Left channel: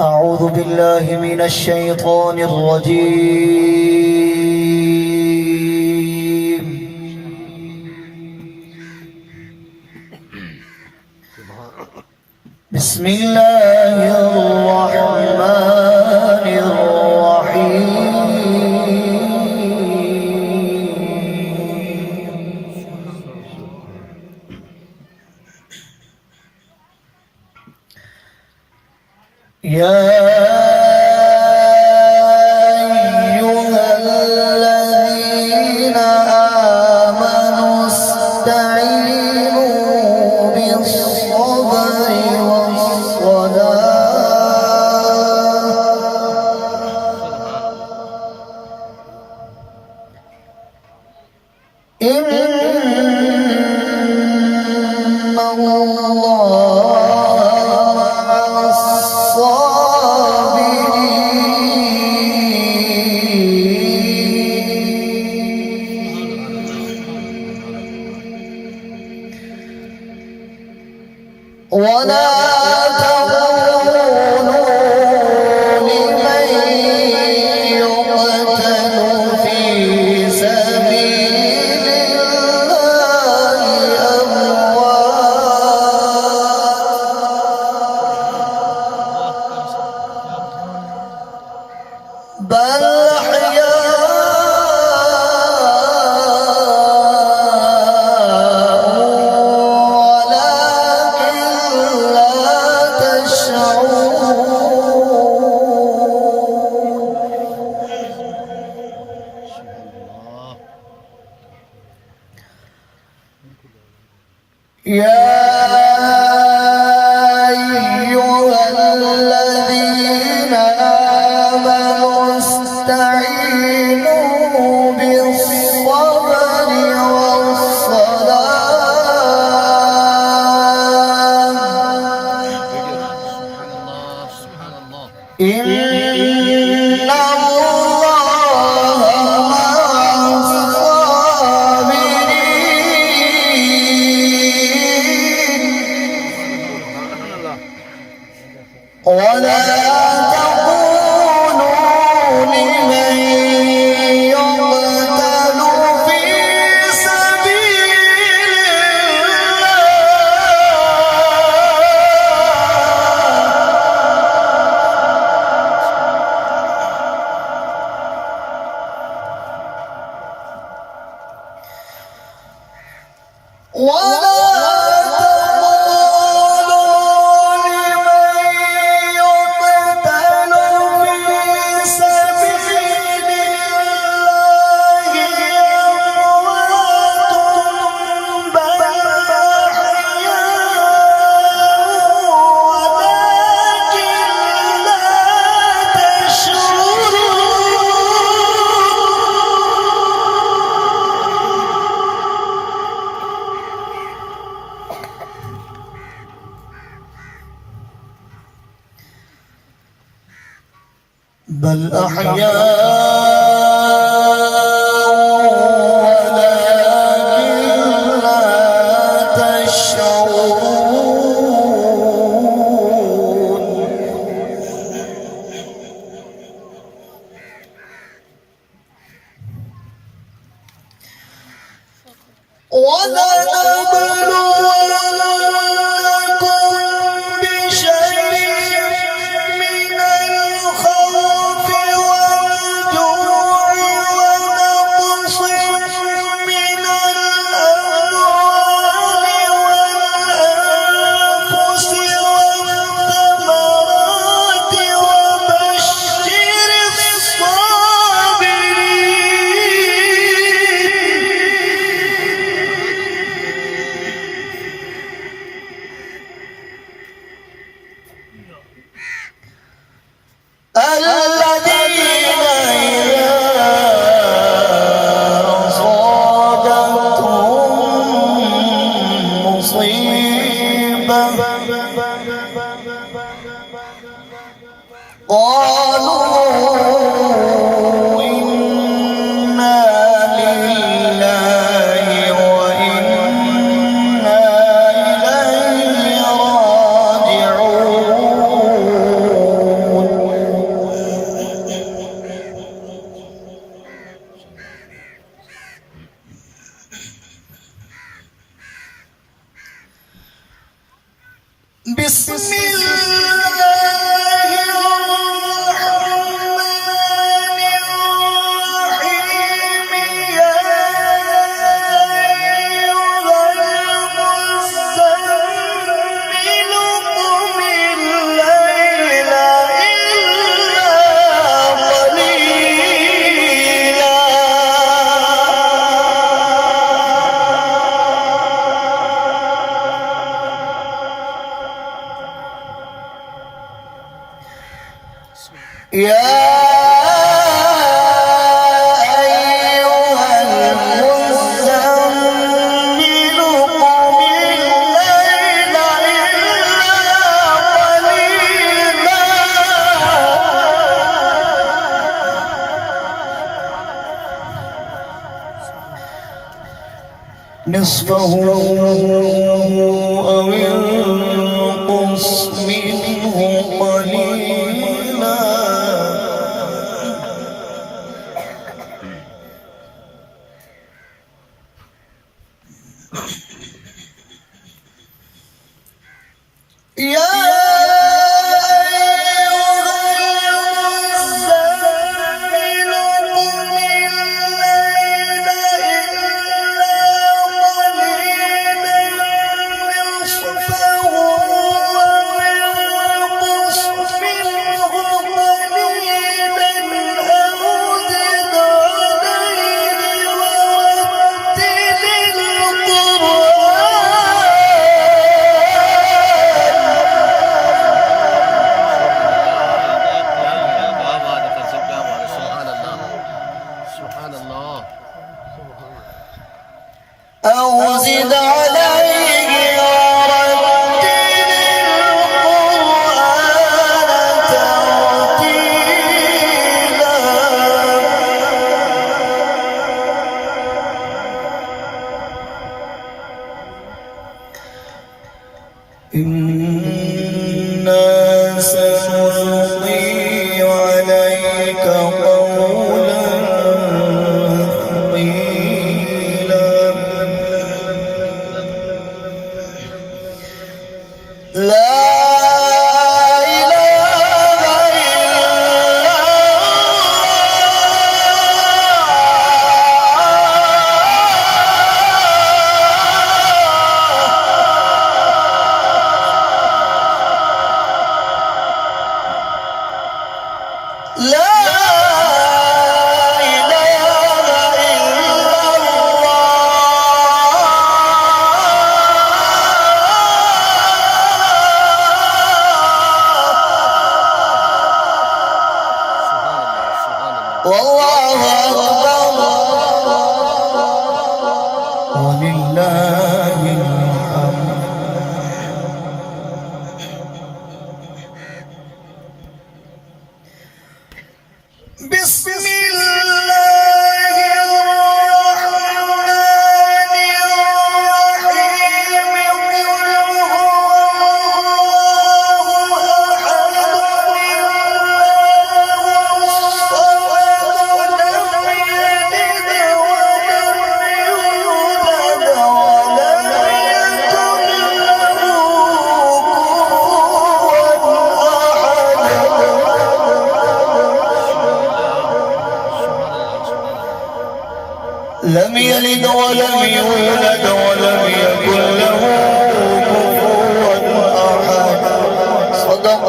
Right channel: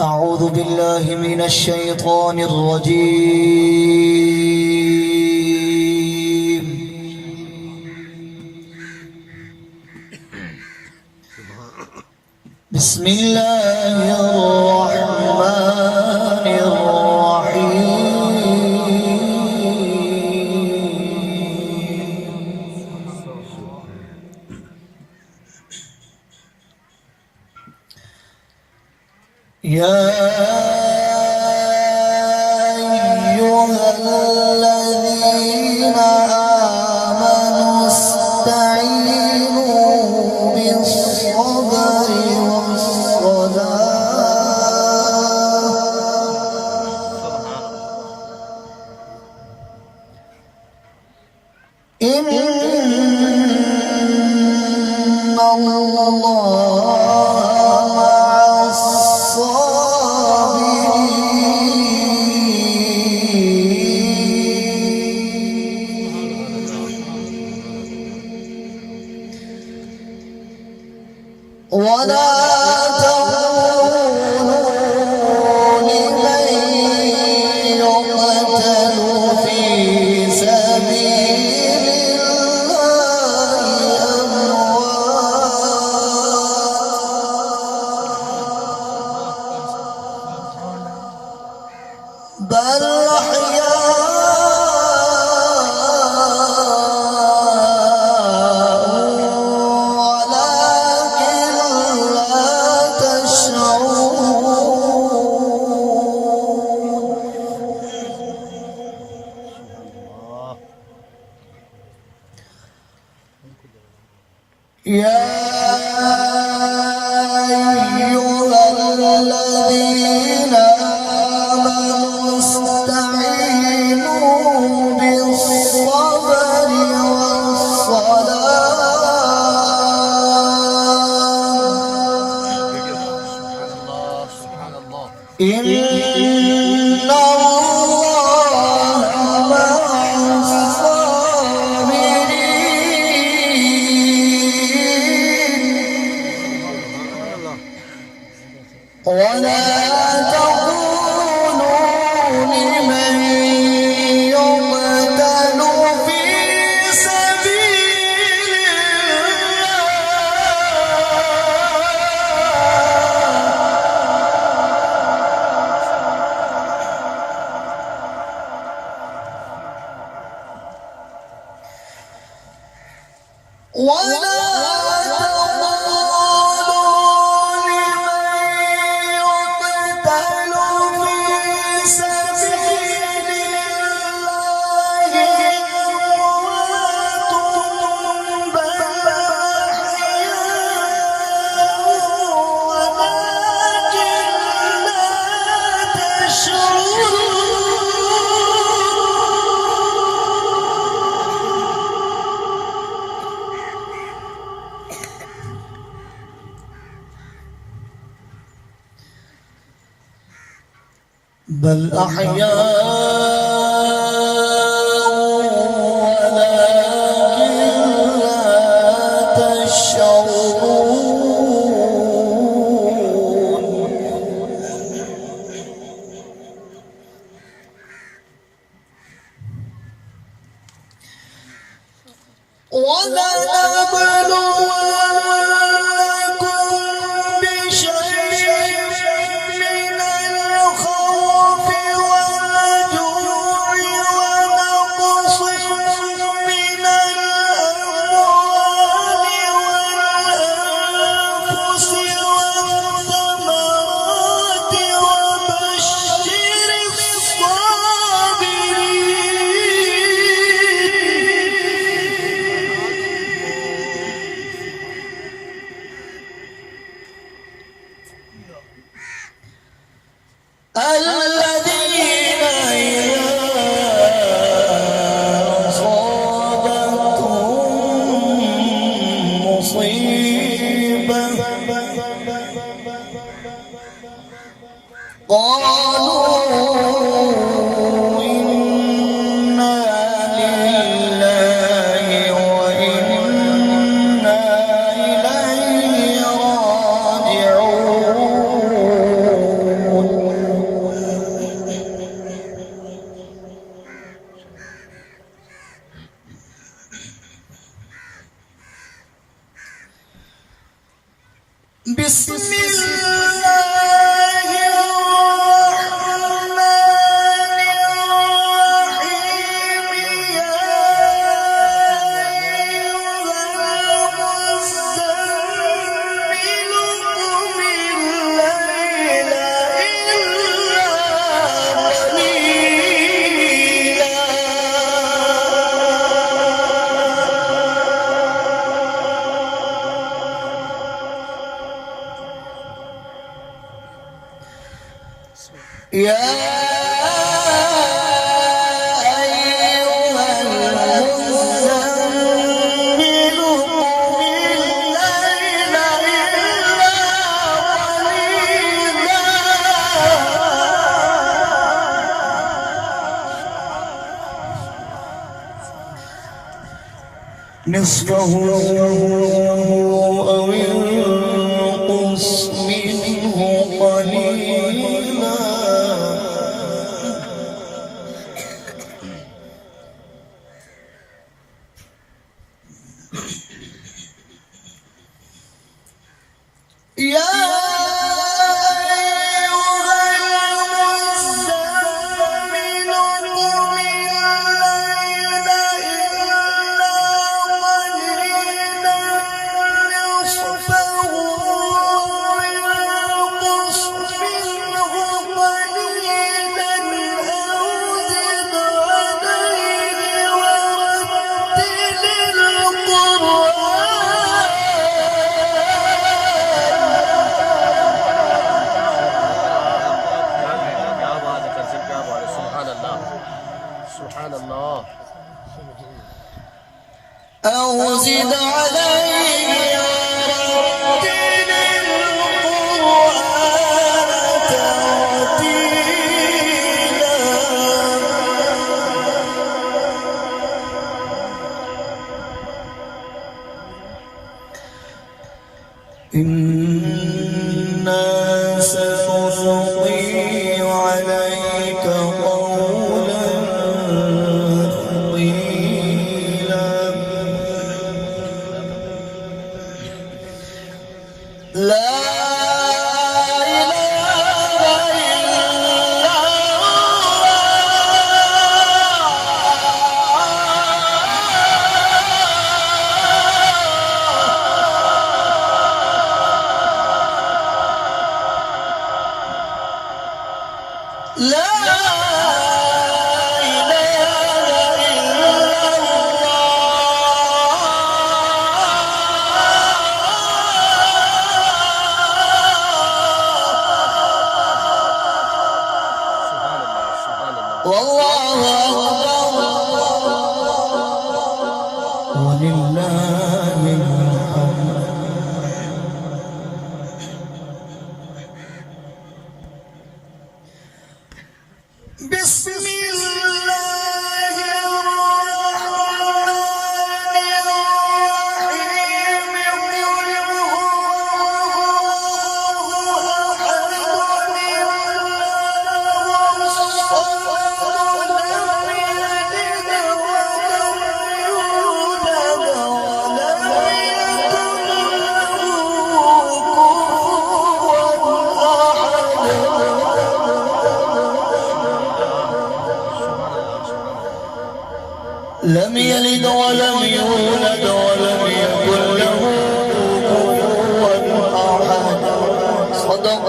أعوذ بالله من الشيطان الرجيم. بسم الله الرحمن الرحيم. يا أيها الذين آمنوا استعينوا بالصبر والصلاة إن ولا تقولوا لمن يقتل في سبيل الله أموات بل يا أيها الذين آمنوا استعينوا بالصبر والصلاة إن ولا تقولوا لمن يقتل في سبيل الله بل أحياء ولكن لا تشعرون ولنبلونكم بشيء من الخوف والجوع ونقص من الأموال والأنفس والثمرات وبشر الذين إذا أصابتهم مصيبة قالوا إنا لله وإنا إليه راجعون نصفه أو انقص منه قليلا أو زد عليه ورتل القرآن ترتيلا إنا سنلقي عليك قولا والله أكبر ولله الحمد. بسم الله الرحمن الرحيم. قل هو الله أحد الله الصمد لم يلد ولم يولد ولم يكن له لم يلد ولم يولد ولم يكن له كفوا أحد. صدق